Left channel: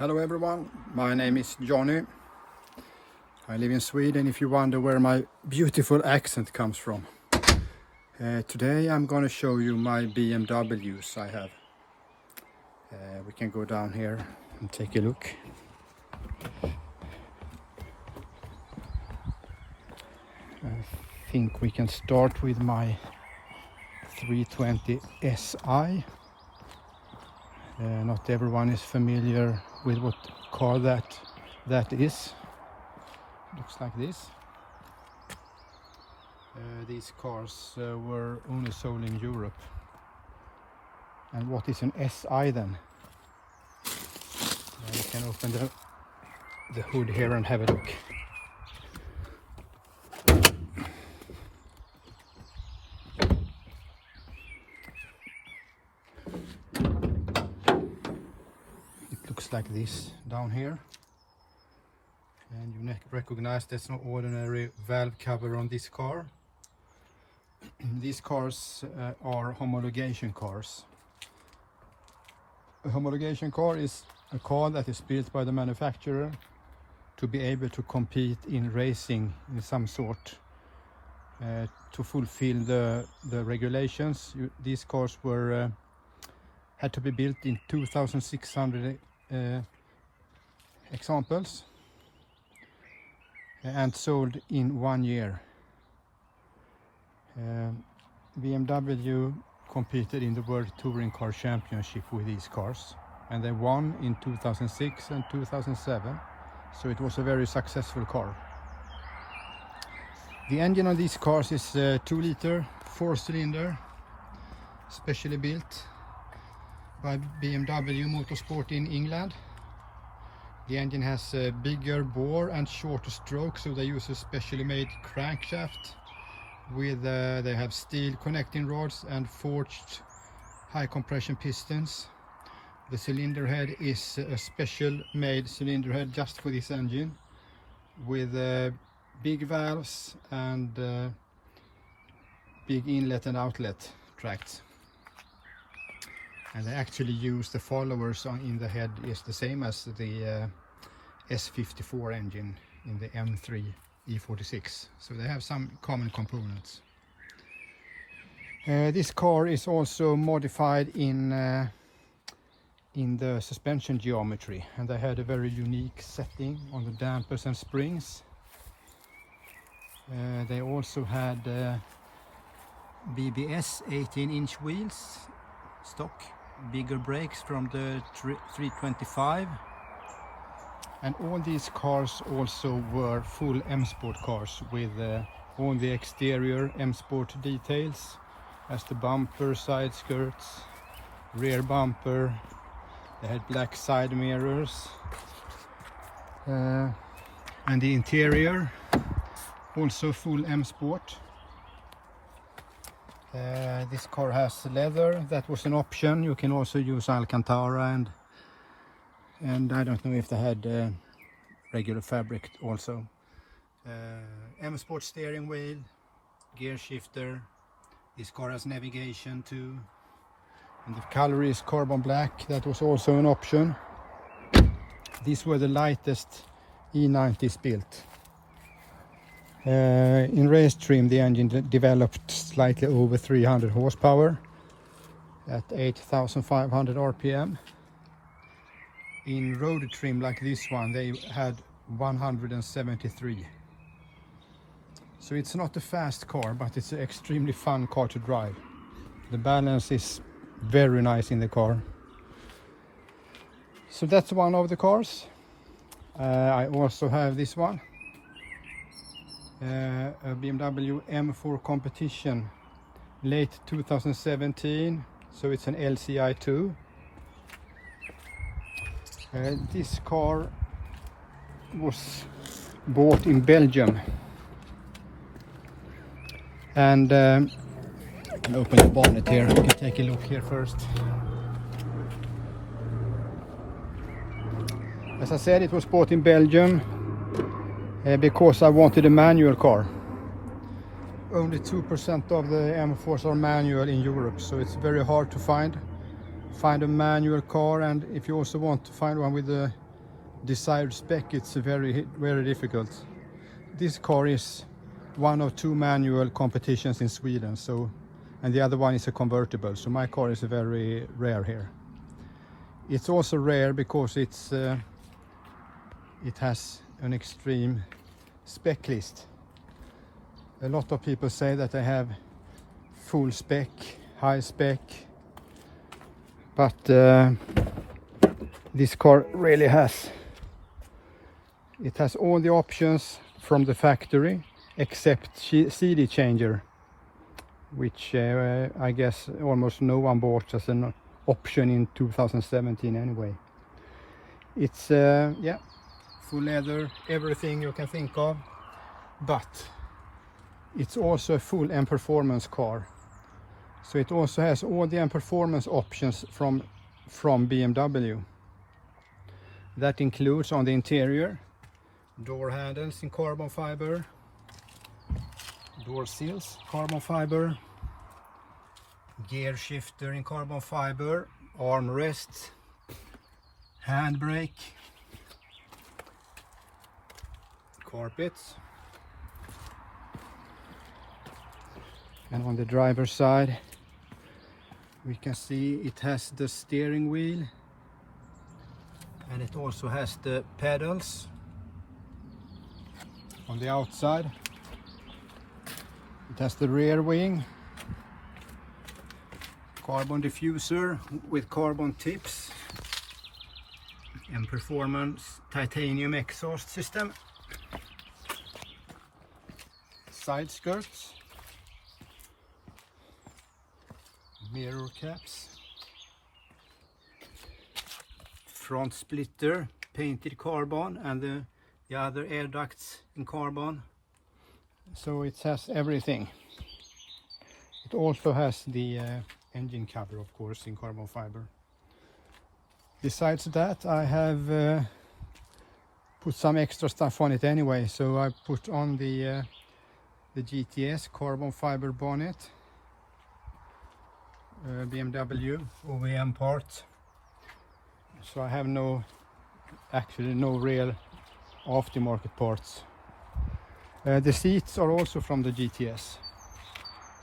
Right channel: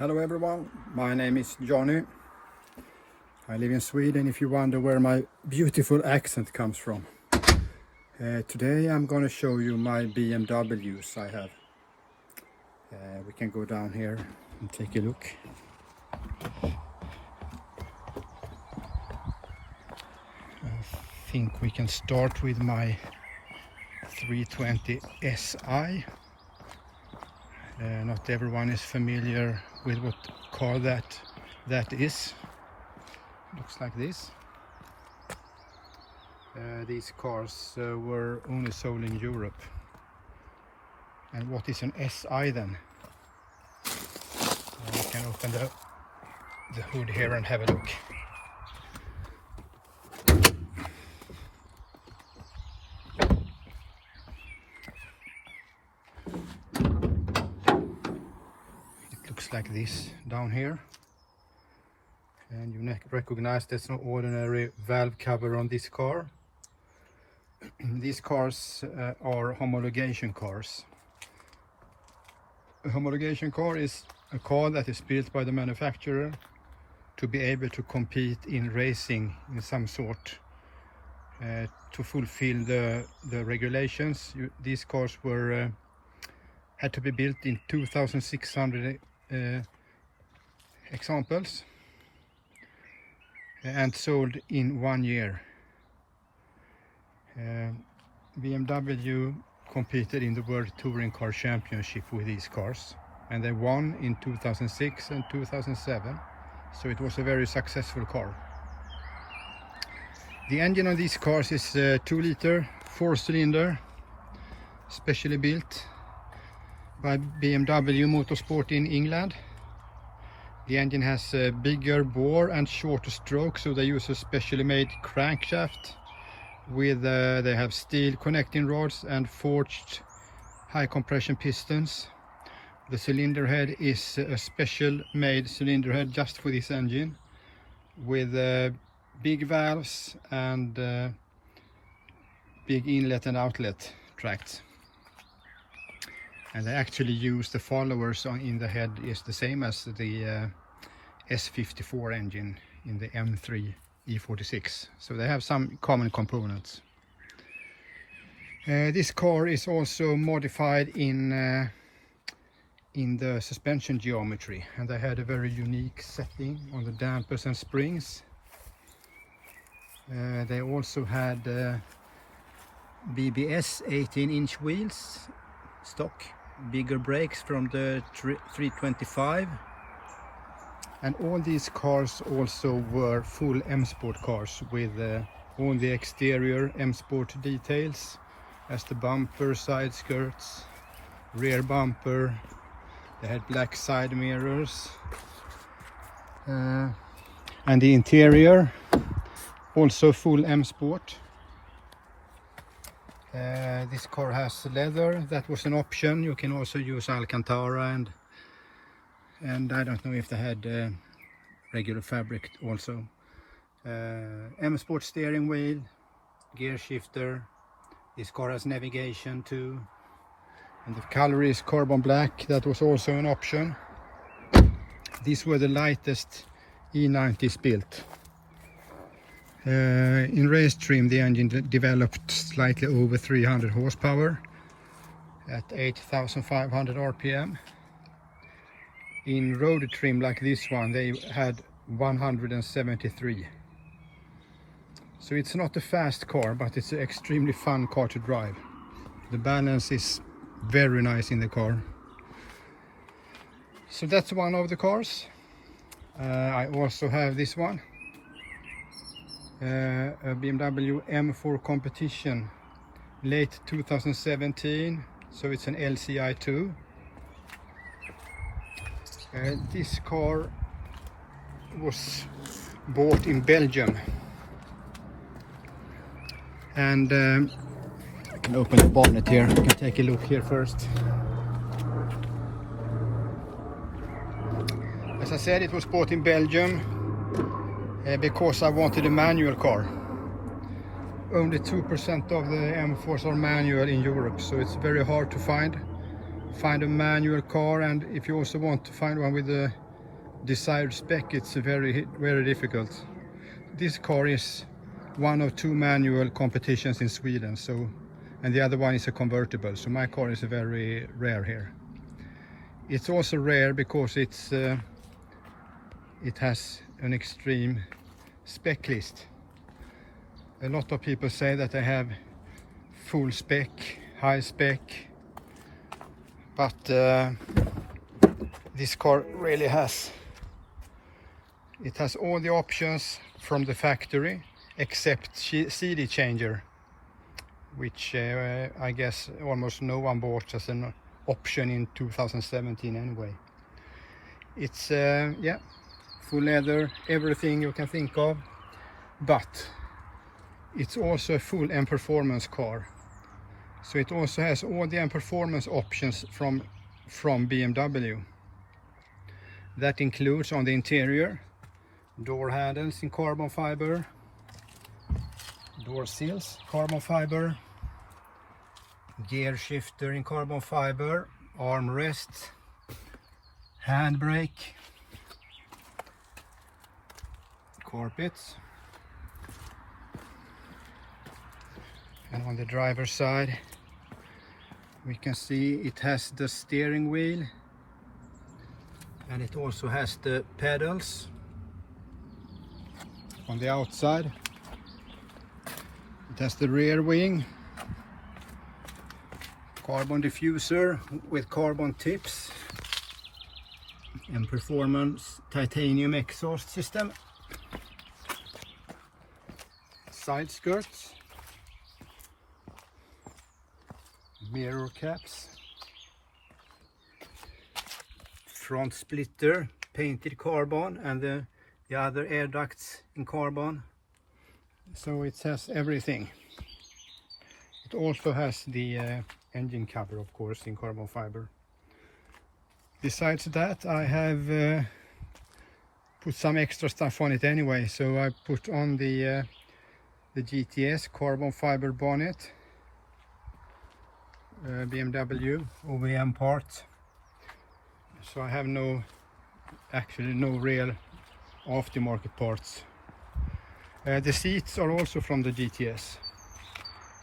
Hello everyone, my name is Johnny. I live in Sweden, if you wonder where my beautiful accent comes from. Today I'm going to show you my BMWs I have. We can go down here and take a look. I think we can start with my 320 SI. Not everyone is familiar with what car that is. Looks like this. These cars were only sold in Europe. And what is an SI then? We can open the hood here and have a look. Looks like this down here, and you recognize there's no ordinary valve cover on this car. These cars are homologation cars. A homologation car is a car that is built by the manufacturer to be able to compete in racing in some sort, to fulfill the regulations. These cars were had to be built in 2,600 examples and sold in 1 year. BMW competed in the World Touring Car Championship with these cars, and they won in 2006 and 2007, so it was a very successful car. The engine on these cars is 2-liter 4-cylinder, specially built by BMW Motorsport in England. The engine has a bigger bore and shorter stroke, so they use a specially made crankshaft with they have steel connecting rods and forged high compression pistons. The cylinder head is a special made cylinder head just for this engine, with big valves and big inlet and outlet tracts. And they actually use the followers in the head is the same as the F84 engine in the M3 E46, so they have some common components. This car is also modified in the suspension geometry, and they had a very unique setting on the dampers and springs. They also had BBS 18-inch wheels stock, bigger brakes from the 325, and all these cars also were full M Sport cars with all the exterior M Sport details, as the bumper, side skirts, rear bumper. They had black side mirrors, and the interior also full M Sport. This car has leather, that was an option. You can also use Alcantara, and I don't know if they had regular fabric also. M Sport steering wheel, gear shifter. This car has navigation too, and the color is carbon black, that was also an option. These were the lightest E90s built. In race trim, the engine developed slightly over 300 horsepower at 8,500 RPM. In road trim like this one, they had 173. So it's not a fast car, but it's an extremely fun car to drive. The balance is very nice in the car. So that's one of the cars. I also have this one. A BMW M4 competition, late 2017, so it's an LCI2. This car was bought in Belgium, and I can open the bonnet here. You can take a look here first. As I said, it was bought in Belgium because I wanted a manual car. Only 2% of the M4s are manual in Europe, so it's very hard to find a manual car. And if you also want to find one with a desired spec, it's very difficult. This car is one of 2 manual competitions in Sweden, so, and the other one is a convertible, so my car is very rare here. It's also rare because it has an extreme spec list. A lot of people say that they have full spec, high spec, but this car really has. It has all the options from the factory except CD changer, which I guess almost no one bought as an option in 2017 anyway. It's yeah, full leather, everything you can think of, but it's also a full M performance car. So it also has all the M performance options from BMW. That includes on the interior door handles in carbon fiber, door seals carbon fiber, gear shifter in carbon fiber, armrest, handbrake, carpets, and on the driver's side we can see it has the steering wheel, and it also has the pedals. On the outside it has the rear wing, carbon diffuser with carbon tips, and performance titanium exhaust system, side skirts, mirror caps, front splitter painted carbon, and the other air ducts in carbon. So it has everything. It also has the engine cover, of course, in carbon fiber. Besides that, I have put some extra stuff on it anyway. So I put on the GTS carbon fiber bonnet, BMW OEM part. So I have actually no real aftermarket parts. The seats are also from the GTS,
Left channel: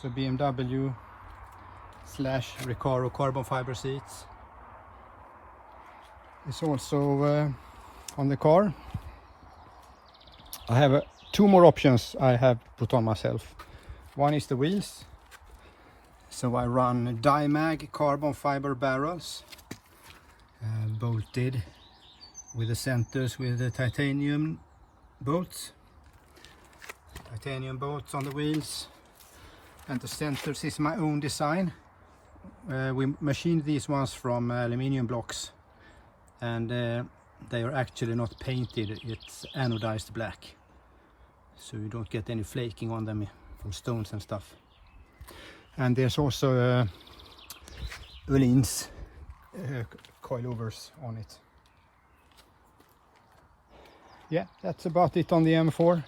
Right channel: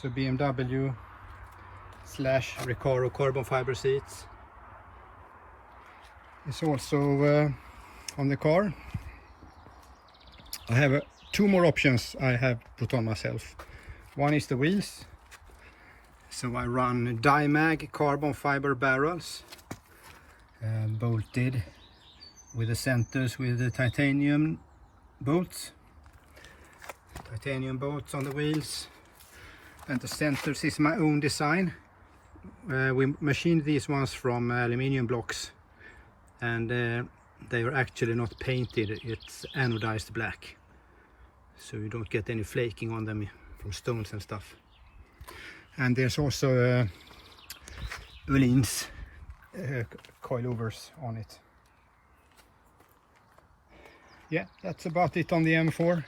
so BMW / Recaro carbon fiber seats. It's also on the car. I have 2 more options I have put on myself. One is the wheels, so I run Dimag carbon fiber barrels, bolted with the centers with the titanium bolts. Titanium bolts on the wheels, and the centers is my own design. We machined these ones from aluminium blocks, and they are actually not painted, it's anodized black, so you don't get any flaking on them from stones and stuff. And there's also Öhlins coilovers on it. Yeah, that's about it on the M4.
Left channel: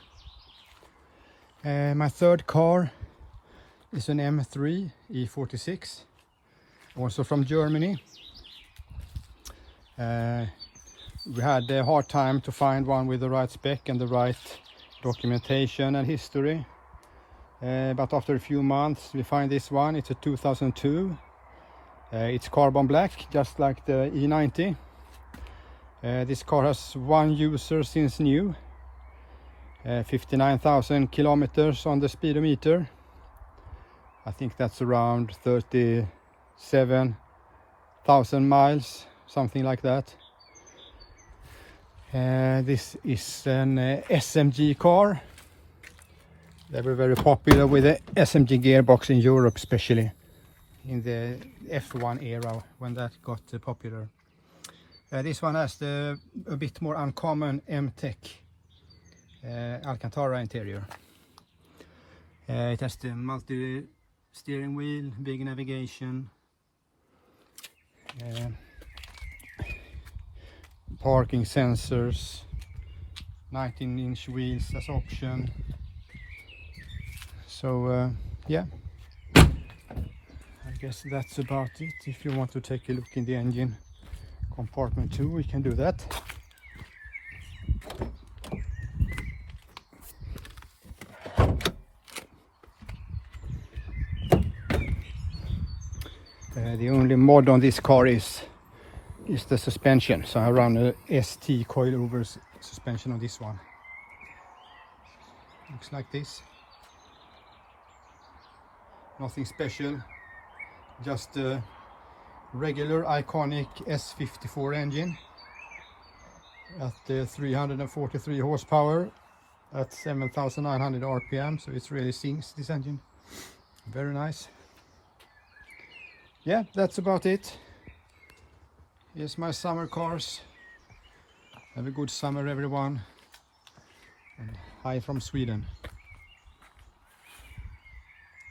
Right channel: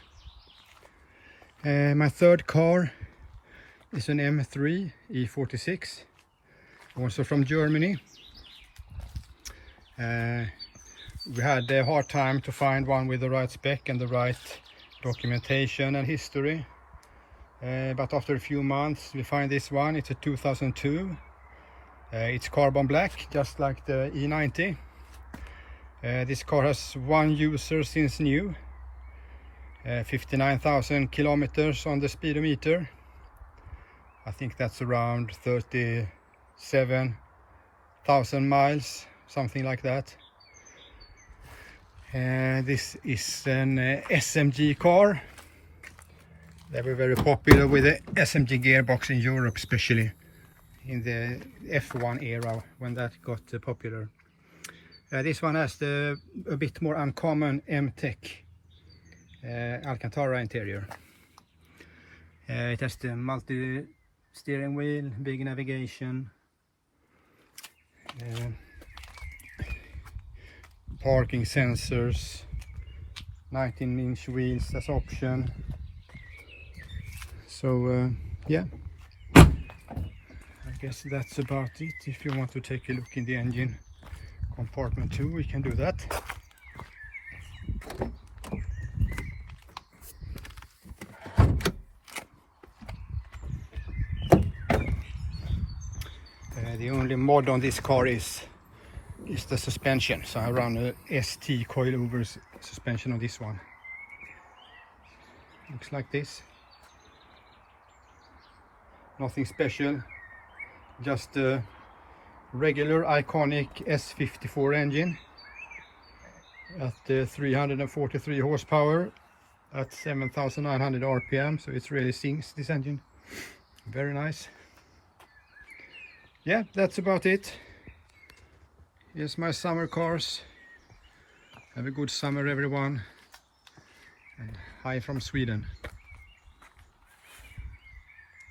My third car is an M3 E46, also from Germany. We had a hard time to find one with the right spec and the right documentation and history, but after a few months we find this one. It's a 2002. It's carbon black, just like the E90. This car has 1 user since new, 59,000 kilometers on the speedometer. I think that's around 37,000 miles, something like that. This is an SMG car. They were very popular with the SMG gearbox in Europe, especially in the F1 era when that got popular. This one has a bit more uncommon M-Tech Alcantara interior. It has the multi-steering wheel, big navigation, parking sensors, 19-inch wheels as option. So yeah, I guess that's about it. If you want to take a look in the engine compartment too, we can do that. mod on this car is the suspension. So I run a ST coilover suspension on this one. Looks like this. Nothing special, just a regular iconic S54 engine at 343 horsepower at 7,900 RPM, so it really sings, this engine. Very nice. Yeah, that's about it. Here's my summer cars. Have a good summer, everyone. And hi from Sweden.